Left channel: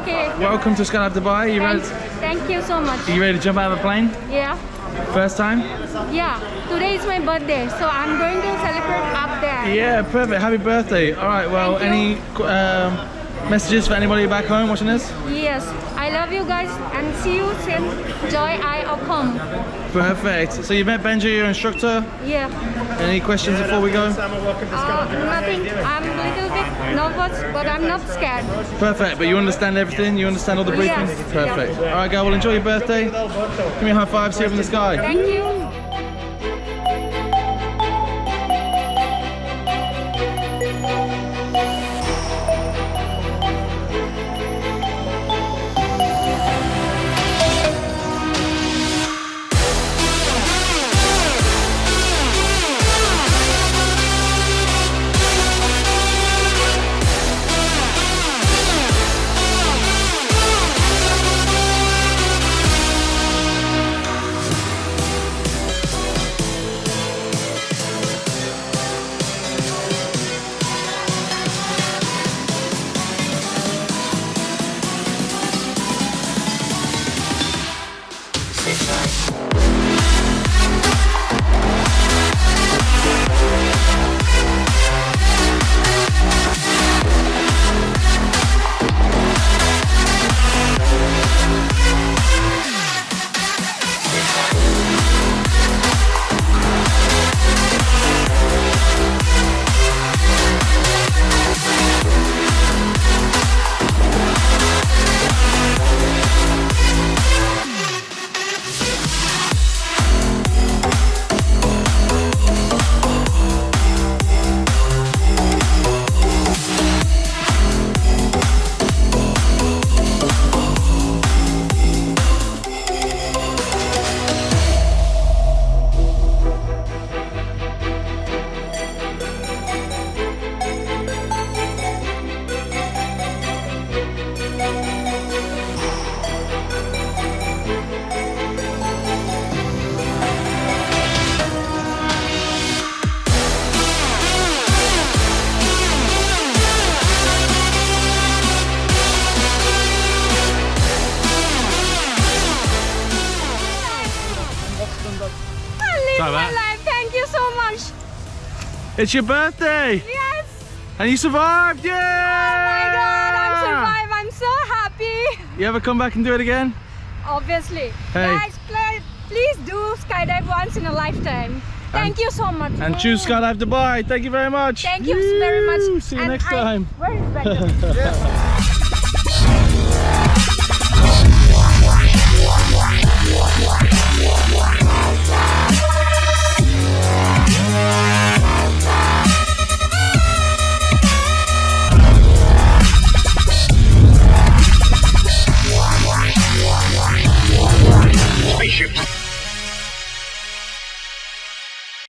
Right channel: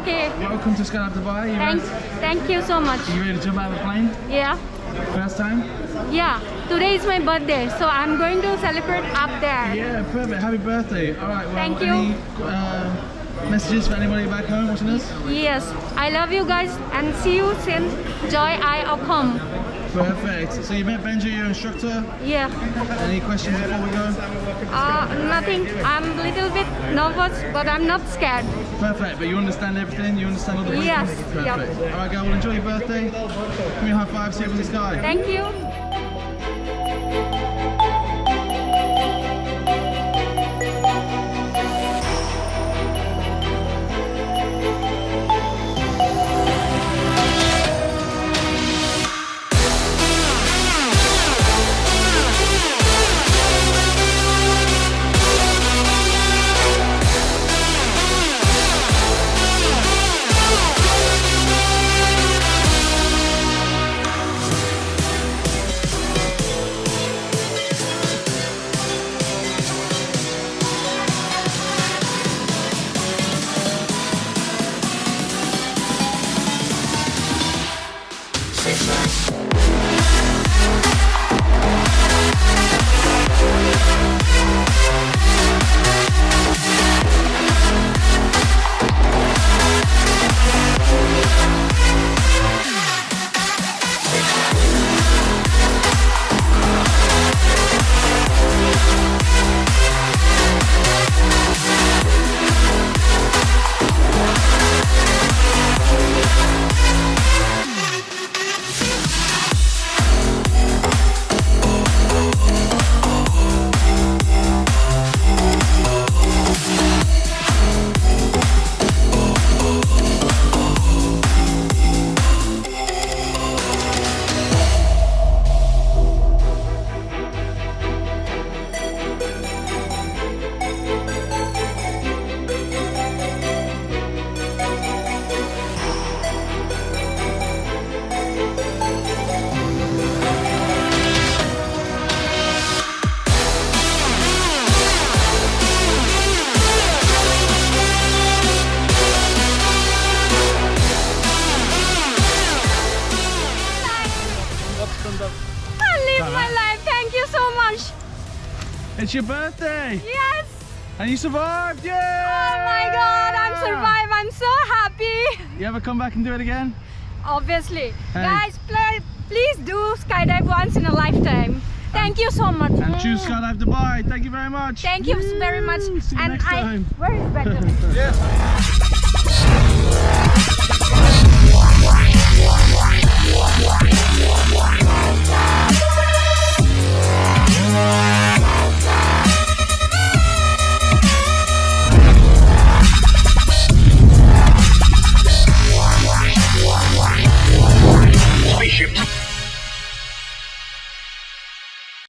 Okay. Welcome to Skydive Dubai. Thank you so much. Are you ready to jump out of the plane? Yeah. First time? Yeah. Today is my birthday, so I'm going to celebrate up there. Yeah, perfect. Happy birthday. All right, well, Thank you. any messages for anybody back home watching this? Yes. I love you guys and see you soon. Joy I Ocom. Perfect. So you met Benji, your instructor. Yeah. Any questions before we go? Nothing. I'm a little bit nervous, but I'm not scared. Perfect. But you understand everything? You understand all the briefings? Yes. Perfect. Yeah. All right, girl. Well, enjoy your birthday. Give me a high five. See you in the sky. Thank you. I live my life. Thank you so much. It's your birthday. Yes. And you survived. Yeah. Oh my God, I'm survived. I'm so happy. You ever come back and do it again? Obviously. Hey. Guys, please do skydive once in a lifetime. Thank you so much. And choose Skydive Dubai. Thank you very much. Thank you very much. See you next time. Where is Benjamin? Yes.